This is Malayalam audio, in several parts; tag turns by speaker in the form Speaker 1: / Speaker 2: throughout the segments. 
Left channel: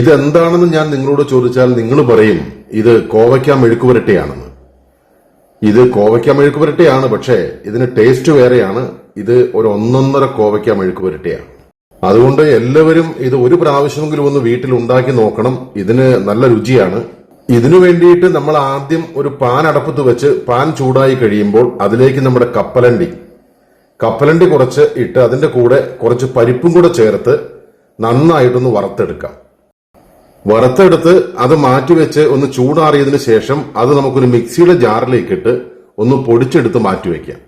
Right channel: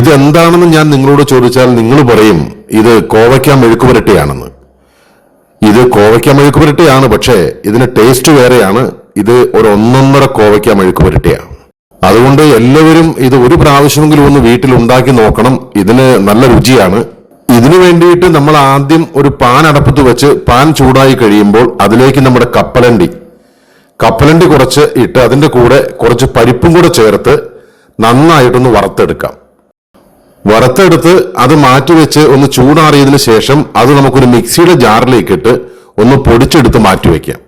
Speaker 1: ഇതെന്താണെന്ന് ഞാൻ നിങ്ങളോട് ചോദിച്ചാൽ നിങ്ങൾ പറയും ഇത് കോവയ്ക്ക മെഴുക്ക് പുരട്ടിയാണെന്ന്. ഇത് കോവയ്ക്ക മെഴുക്ക് പുരട്ടിയാണ് പക്ഷേ ഇതിന് ടേസ്റ്റ് വേറെയാണ്. ഇത് ഒരു ഒന്നൊന്നര കോവയ്ക്ക മെഴുക്ക് പുരട്ടിയാണ് അതുകൊണ്ട് എല്ലാവരും ഇത് ഒരു പ്രാവശ്യമെങ്കിലും ഒന്ന് വീട്ടിൽ ഉണ്ടാക്കി നോക്കണം. ഇതിന് നല്ല രുചിയാണ്. ഇതിനു വേണ്ടിയിട്ട് നമ്മൾ ആദ്യം ഒരു പാൻ അടപ്പത്ത് വെച്ച് പാൻ ചൂടായി കഴിയുമ്പോൾ അതിലേക്ക് നമ്മുടെ കപ്പലണ്ടി. കപ്പലണ്ടി കുറച്ച് ഇട്ട് അതിന്റെ കൂടെ കുറച്ച് പരിപ്പും കൂടെ ചേർത്ത് നന്നായിട്ടൊന്ന് വറുത്തെടുക്കാം. വറുത്തെടുത്ത് അത് മാറ്റിവെച്ച് ഒന്ന് ചൂടാറിയതിന് ശേഷം അത് നമുക്കൊരു മിക്സിയുടെ ജാറിലേക്ക് ഇട്ട് ഒന്ന് പൊടിച്ചെടുത്ത് മാറ്റിവെക്കാം.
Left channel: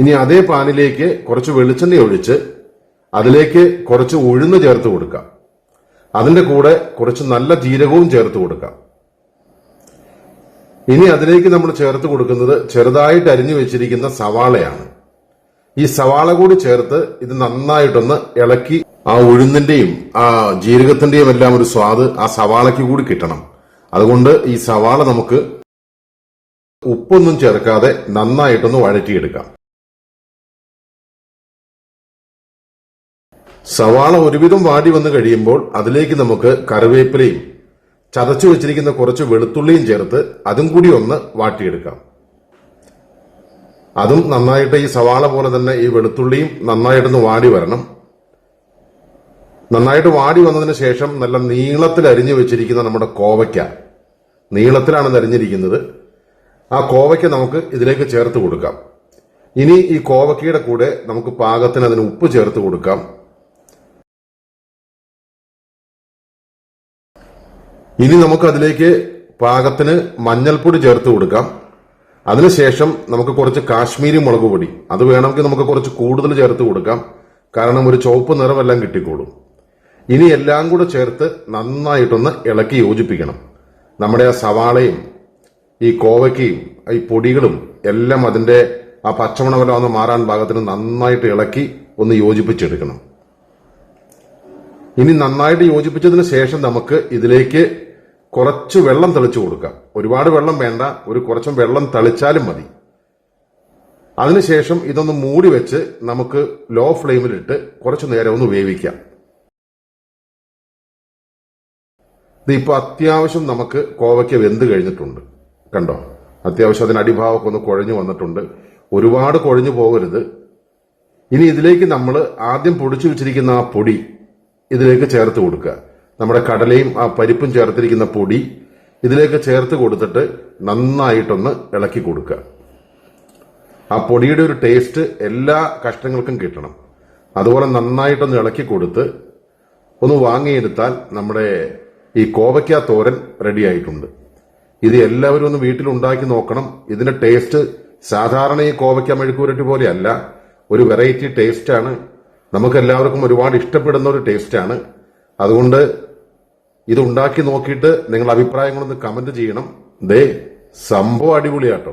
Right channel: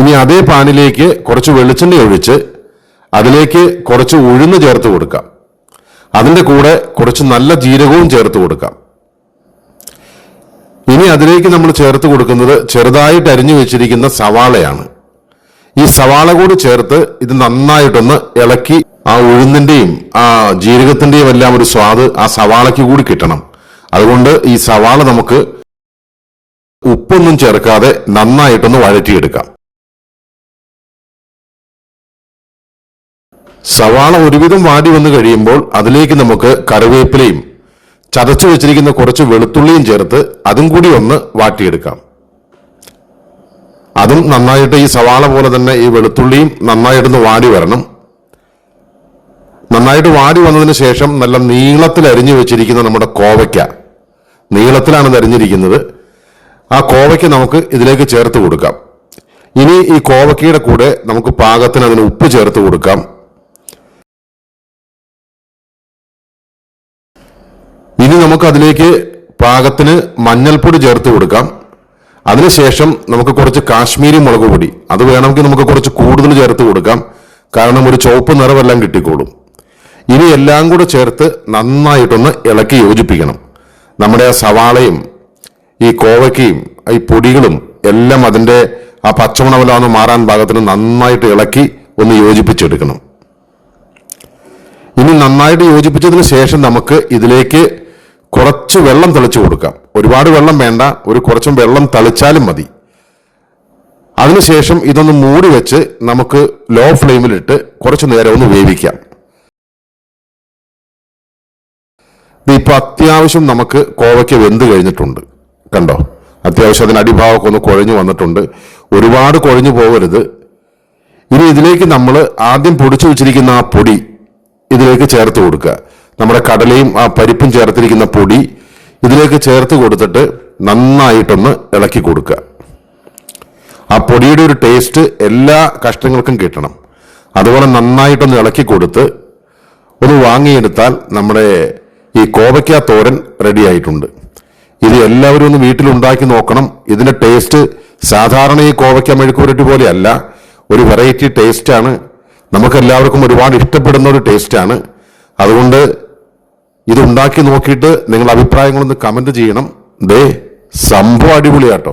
Speaker 1: ഇനി അതേ പാനിലേക്ക് കുറച്ച് വെളിച്ചെണ്ണ ഒഴിച്ച് അതിലേക്ക് കുറച്ച് ഉഴുന്ന് ചേർത്ത് കൊടുക്കാം. അതിന്റെ കൂടെ കുറച്ച് നല്ല ജീരകവും ചേർത്ത് കൊടുക്കാം. ഇനി അതിലേക്ക് നമ്മൾ ചേർത്ത് കൊടുക്കുന്നത് ചെറുതായിട്ട് അരിഞ്ഞു വെച്ചിരിക്കുന്ന സവാളയാണ്. ഈ സവാള കൂടി ചേർത്ത് ഇത് നന്നായിട്ടൊന്ന് ഇളക്കി ആ ഉഴുന്നിന്റെയും ആ ജീരകത്തിന്റെയും എല്ലാം ഒരു സ്വാദ് ആ സവാളയ്ക്ക് കൂടി കിട്ടണം. അതുകൊണ്ട് ഈ സവാള നമുക്ക് ഉപ്പൊന്നും ചേർക്കാതെ നന്നായിട്ടൊന്ന് വഴറ്റിയെടുക്കാം. സവാള ഒരുവിധം വാടി വന്നു കഴിയുമ്പോൾ അതിലേക്ക് നമുക്ക് കറിവേപ്പിലയും ചതച്ചു വെച്ചിരിക്കുന്ന കുറച്ച് വെളുത്തുള്ളിയും ചേർത്ത് അതും കൂടി ഒന്ന് വാട്ടിയെടുക്കാം. അതും നന്നായിട്ട് ഈ സവാള പോലെ തന്നെ ഈ വെളുത്തുള്ളിയും നന്നായിട്ടൊന്ന് വാടി വരണം. നന്നായിട്ട് വാടി വന്നതിന് ശേഷം നല്ല നീളത്തിൽ അരിഞ്ഞു വെച്ചിരിക്കുന്ന നമ്മുടെ കോവയ്ക്ക. നീളത്തിലാണ് അരിഞ്ഞിരിക്കുന്നത്. ആ കോവയ്ക്ക നമുക്ക് ഇതിലേക്ക് ചേർത്ത് കൊടുക്കാം. ഇനി ഈ കോവയ്ക്കയുടെ കൂടെ നമുക്ക് പാകത്തിന് അതിന് ഉപ്പ് ചേർത്ത് കൊടുക്കാം. ഇനി നമുക്ക് അതിലേക്ക് പാകത്തിന് മഞ്ഞൾപ്പൊടി ചേർത്ത് കൊടുക്കാം. അതിനുശേഷം നമുക്ക് കുറച്ച് കാശ്മീരി മുളക് പൊടി. അത് വേണമെങ്കിൽ നമുക്ക് കുറച്ച് കൂടുതൽ ചേർത്ത് കൊടുക്കാം. കാരണം ഒരു ചുവപ്പ് നിറമെല്ലാം കിട്ടിക്കോളും. ഇനി എല്ലാം കൂടെ ചേർത്ത് നന്നായിട്ടൊന്ന് ഇളക്കി യോജിപ്പിക്കണം. നമ്മുടെ ആ സവാളയും ഈ കോവയ്ക്കയും ഈ പൊടികളും എല്ലാം അതിന്റെ ആ പച്ചമണമെല്ലാം മാറാൻ പാകത്തിന് നന്നായിട്ട് ഇളക്കി ഒന്ന് യോജിപ്പിച്ചെടുക്കണം. ഇനി നന്നായിട്ട് യോജിപ്പിച്ചതിന് ശേഷം നമുക്ക് ഇതിലേക്ക് കുറച്ച് വെള്ളം തെളിച്ചു കൊടുക്കാം. ഒരുപാട് വെള്ളം വേണ്ട ഒരു കുറച്ചും വെള്ളം തളിച്ചാലും മതി. അതിനുശേഷം ഇതൊന്ന് മൂടി വെച്ച് നമുക്ക് ലോ ഫ്ലെയിമിലിട്ട് കുറച്ച് നേരം ഒന്ന് വേവിക്കാം. ഇത് ഇപ്പൊ അത്യാവശ്യം നമുക്ക് കോവയ്ക്ക് വെന്ത് കഴിഞ്ഞിട്ടുണ്ട്. കണ്ടോ? അത്യാവശ്യം അതിന് അടിഭാഗമൊക്കെ ഒന്ന് കുഴഞ്ഞു വന്നിട്ടുണ്ട്. ഒരുപാട് കുഴഞ്ഞു പോകരുത്. ഇനി ഇതിലേക്ക് നമ്മൾ ആദ്യം പൊടിച്ചു വെച്ചിരിക്കുന്ന ആ പൊടി ഇതിലേക്ക് ചേർത്ത് കൊടുക്കുക. നമ്മുടെ കടലയും ആ പരിപ്പും ചേർത്തിരിക്കുന്ന പൊടി ഇതിലേക്ക് ചേർത്ത് കൊടുത്തിട്ട് നന്നായിട്ടൊന്ന് ഇളക്കി കൊടുക്കുക. ആ പൊടിയുടെ ഒരു ടേസ്റ്റ് എല്ലാ കഷ്ണങ്ങൾക്കും കിട്ടണം. അതുപോലെ നന്നായിട്ടൊന്ന് ഇളക്കി കൊടുത്ത് ഒന്ന് വാങ്ങിയെടുത്താൽ നമ്മുടെ ഈ കോവയ്ക്ക തോരൻ റെഡിയായിട്ടുണ്ട് ഇത് എല്ലാവരും ഒന്ന് വീട്ടിൽ ഉണ്ടാക്കി നോക്കണം. ഇതിന്റെ ടേസ്റ്റ് സാധാരണ ഈ കോവയ്ക്ക മെഴുക്കുപുരട്ടി പോലെയല്ല. ഒരു വെറൈറ്റി ടേസ്റ്റാണ് നമുക്കെല്ലാവർക്കും ഒരുപാട് ഇഷ്ടപ്പെടുന്ന ഒരു ടേസ്റ്റാണ് അതുകൊണ്ട് ഇത് ഉണ്ടാക്കി നോക്കിയിട്ട് നിങ്ങളുടെ അഭിപ്രായങ്ങളൊന്ന് കമന്റ് ചെയ്യണം. ദേ സംഭവം അടിപൊളിയാട്ടോ.